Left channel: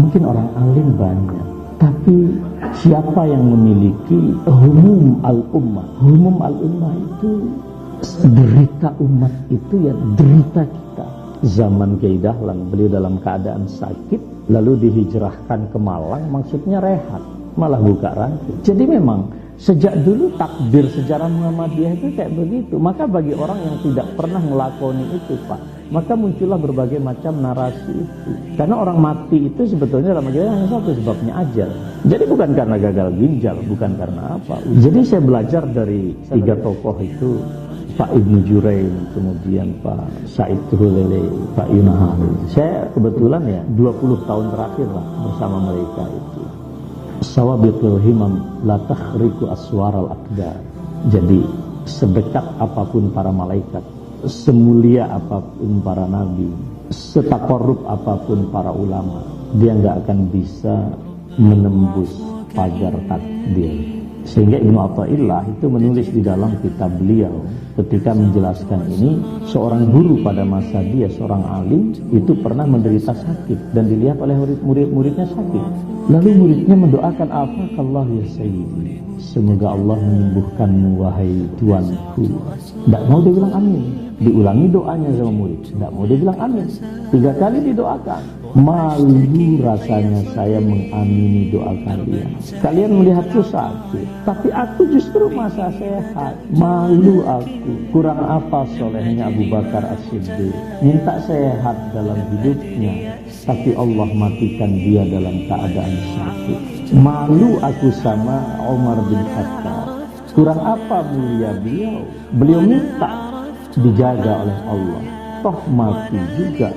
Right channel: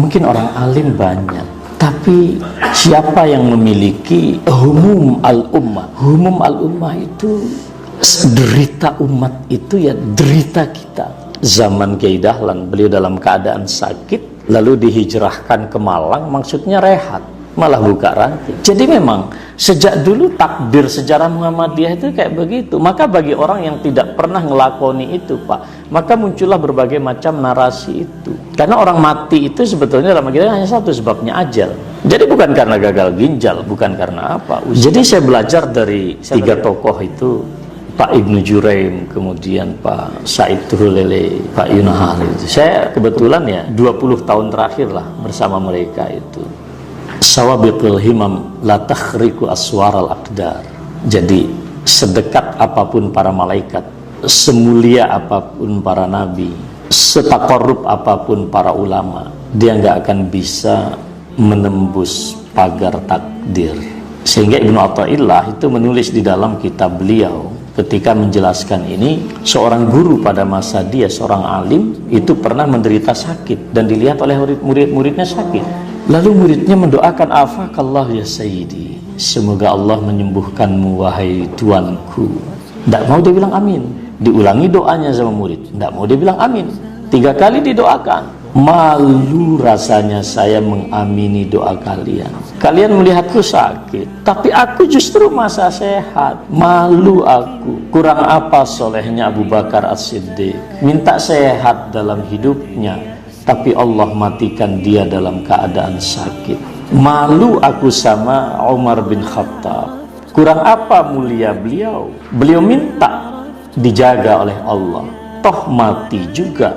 Mungkin orang alim banyak, tapi siapa yang memiliki humum al-ummah? Humum al-ummah itu derita umat, itu ya derita kita. Zaman Kiai Dahlan, beliau dalam keadaan sakit lalu dihijrahkan ke Malang, maksudnya rehat, malah buka rantai. Jadi memang sejak dulu takdir sejarah Muhammadiyah itu kayak begitu. Maka bagi orang yang tidak pernah ngelakoni itu, Pak, maka muncullah berbagai macam narasi itu. Karena orang mati itu sebetulnya dalam agama hanya satu, sebabnya ajal. Jadi bukan karena gagal ginjal, bukan karena apa. Jadi saya belajar dari tiga tokoh itu, Pak Ibnu Juraim, kemudian Pak Said Tuhulele, Pak Yunahar itu. Saya kebetulan ya 20 tahun terakhir lah bersama mereka itu. Sawabiqul himam la takhriku aswaral aqdar. Jadi sedekat apapun para malaikat, semulia apapun para nabi, setakorup apapun para ulama, dia nggak akan bisa menembus pagar takdir. Sehingga Ibnu Athaillah itu menulis di dalam kitab beliau ketika menjelaskan ini, seorang guru pada masa dia, seorang alim itu pernah menderita sakit dan dilihat oleh murid-muridnya sakit. Lalu muridnya mendoakan, afakallah ya sayyidi, semoga Allah menyembuhkanmu wahai tuanku. Tidak mau dia bilang amin. Diulangi doanya sama murid, tidak mau dia bilang amin. 3 kali didoakan. Malu rasanya saya mengamini doa kalian. Kalian melihatku sakit, tapi aku justru masa sehat. Malu aku. Kurang apa solehnya Abu Bakar As-Siddiq, minta sehat dalam hidupnya, tapi Allah matikan dia dalam keadaan sakit. Malu aku sama Umar bin Khattab. Kurang apa mulia beliau? Beliau minta dijaga oleh Allah, toh mati juga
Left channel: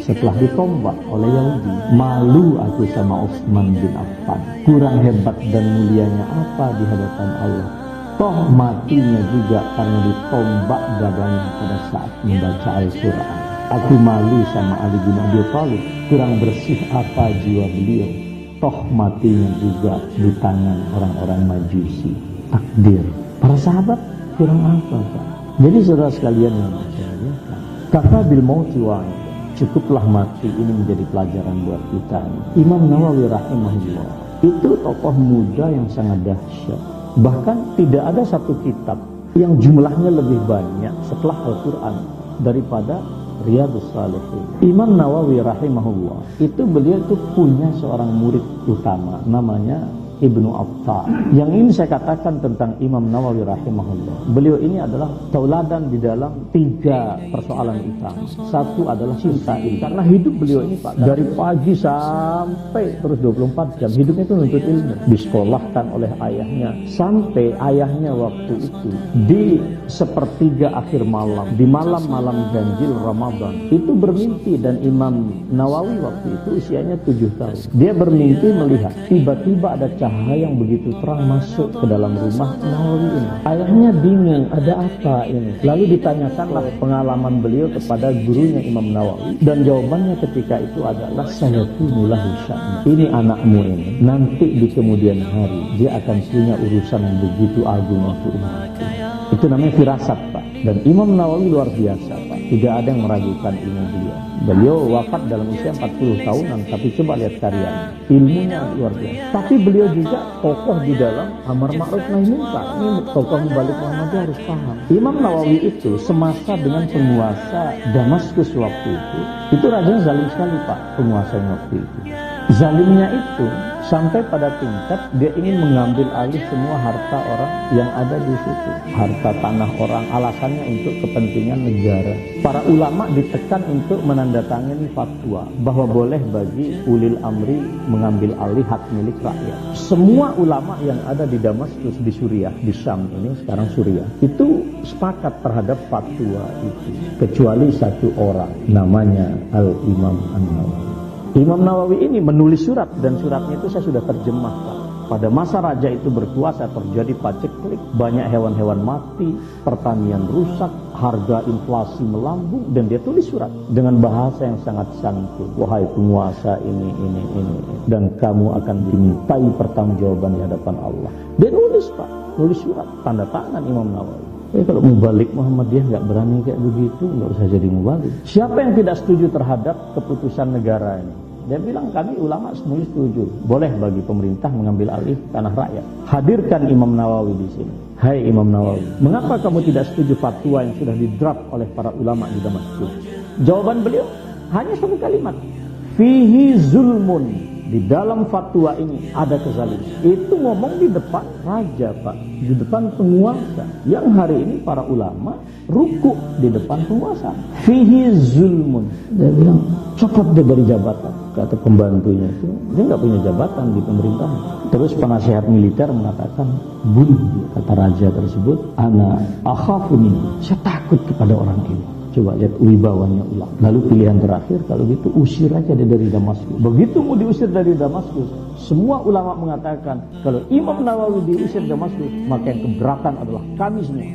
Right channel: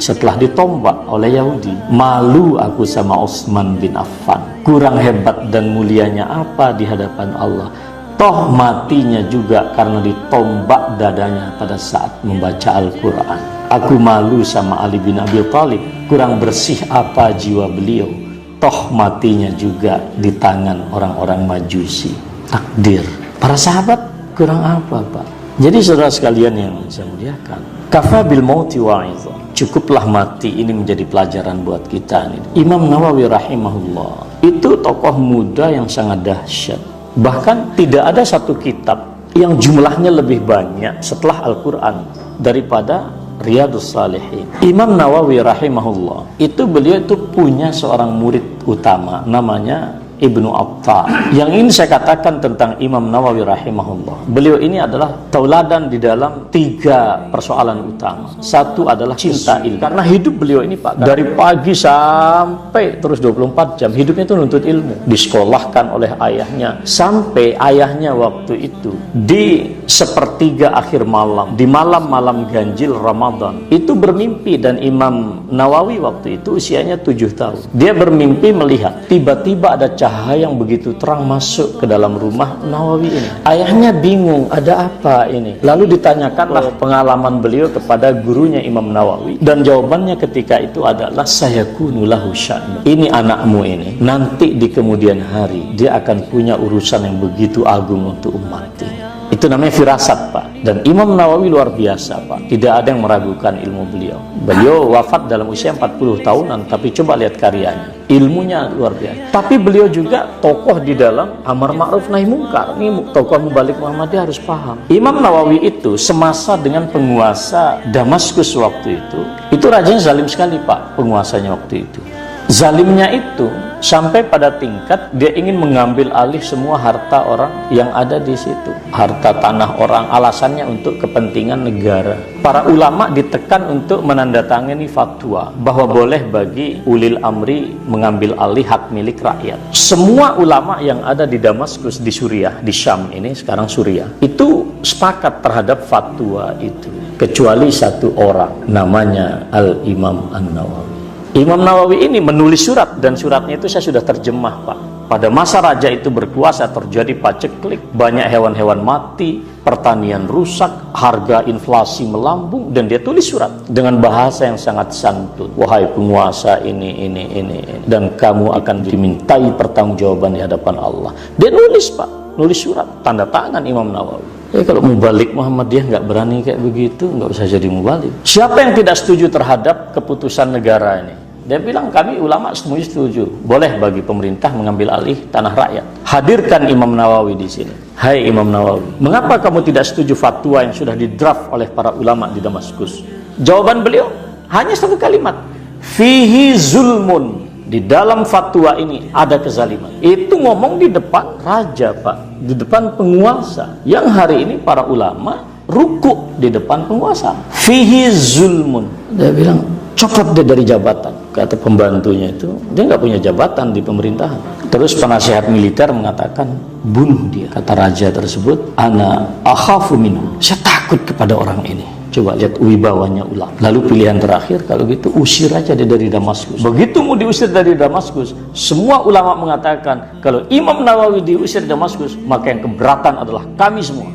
setelah ditombak oleh Yahudi. Malu aku sama Utsman bin Affan. Kurang hebat dan mulianya apa di hadapan Allah, toh matinya juga karena ditombak dadanya pada saat membaca Al-Quran. Aku malu sama Ali bin Abi Thalib. Kurang bersih apa jiwa beliau, toh matinya juga di tangan orang-orang Majusi. Takdir. Para sahabat kurang apa, Pak? Jadi saudara sekalian yang saya muliakan, kafa bil mauti wa'idha, cukuplah mati ini menjadi pelajaran buat kita. Imam Nawawi rahimahullah itu tokoh muda yang sangat dahsyat. Bahkan tidak ada satu kitab yang jumlahnya lebih banyak setelah Al-Quran daripada Riyadhus Shalihin. Imam Nawawi rahimahullah itu beliau itu punya seorang murid utama namanya Ibnu Atha. Yang ini saya katakan tentang Imam Nawawi rahimahullah. Beliau ini adalah tauladan di dalam 3 persoalan utama. Satu adalah cinta ilmu. Karena hidup beliau ini, Pak, dari pagi sampai terus 24 jam hidupnya itu nuntut ilmu. Disekolahkan oleh ayahnya sampai ayahnya waktu itu di sepertiga akhir malam, di malam-malam ganjil Ramadan itu bermimpi, dan Imam Nawawi waktu itu usianya 7 tahun. Dia bermimpi melihat tiba-tiba ada cahaya yang begitu terang masuk ke dalam rumah Nawawi ini. Ayahnya bingung, ada apa ini? Lalu ditanyakanlah pengalaman beliau kepada gurunya Imam Nawawi, dan jawabannya ketika itu adalah sayakunu lahu sya'nu. Ini anakmu ini nanti di kemudian hari dia akan punya urusan yang begitu agung untuk umat ini. Itu namanya firasat, Pak. Dan Imam Nawawi luar biasa, Pak. Tidak ada yang meragukan ilmu beliau. Beliau wafat dalam usia 40 tahunan, tapi coba lihat karyanya. Ilmunya luar biasa. Tapi beliau juga tokoh di dalam amar ma'ruf nahi munkar. Ini tokoh mubalik Muhammadiyah harus paham. Imam Nawawi itu semasa dengan penguasa Damaskus waktu itu rajanya zalim sekali, Pak, penguasanya waktu itu. Zalimnya itu sampai pada tingkat dia ingin mengambil alih semua harta orang yang ada di situ, harta tanah orang, alasannya untuk kepentingan negara. Para ulama ditekan untuk menandatangani fatwa bahwa boleh bagi ulil amri mengambil alih hak milik rakyat. Semua ulama yang ada di Damaskus, di Suriah, di Syam ini sekarang Suriah, itu sepakat terhadap fatwa itu, kecuali satu orang namanya Al-Imam An-Nawawi. Imam Nawawi ini menulis surat, dan suratnya itu saya sudah terjemah, Pak. Pada masa raja itu berkuasa terjadi paceklik, banyak hewan-hewan mati, pertanian rusak, harga inflasi melambung, dan dia tulis surat dengan bahasa yang sangat santun. Wahai penguasa ini, dan kamu akan dimintai pertanggungjawaban di hadapan Allah. Dia nulis, Pak, nulis surat, tanda tangan Imam Nawawi. Kalau mubalik Muhammadiyah nggak berani kayak begitu, nggak usah jadi mubalik. Siapa yang tidak setuju terhadap keputusan negara ini? Dia bilang kami ulama setuju, boleh bagi pemerintah mengambil alih tanah rakyat. Hadirkan Imam Nawawi di sini. Hai Imam Nawawi, mengapa kamu tidak setuju fatwa yang sudah didraft oleh para ulama di Damaskus? Jawaban beliau hanya satu kalimat, fihi zulmun. Di dalam fatwa ini ada kezaliman. Itu ngomong di depan raja, Pak, di depan penguasa. Yang hari ini para ulama rukuk di depan penguasa. Fihi zulmun. Dia bilang copot dia dari jabatan. Kata pembantunya itu, dia nggak punya jabatan di pemerintahan. Terus penasihat militer mengatakan bunuh dia. Kata raja tersebut, ana akhafu minhu. Saya takut kepada orang ini. Coba lihat wibawanya ulama. Lalu pilihan terakhir, kalau gitu usir aja dia dari Damaskus. Begitu mau diusir dari Damaskus, semua ulama mengatakan kalau Imam Nawawi diusir Damaskus, maka yang keberatan adalah kami semua.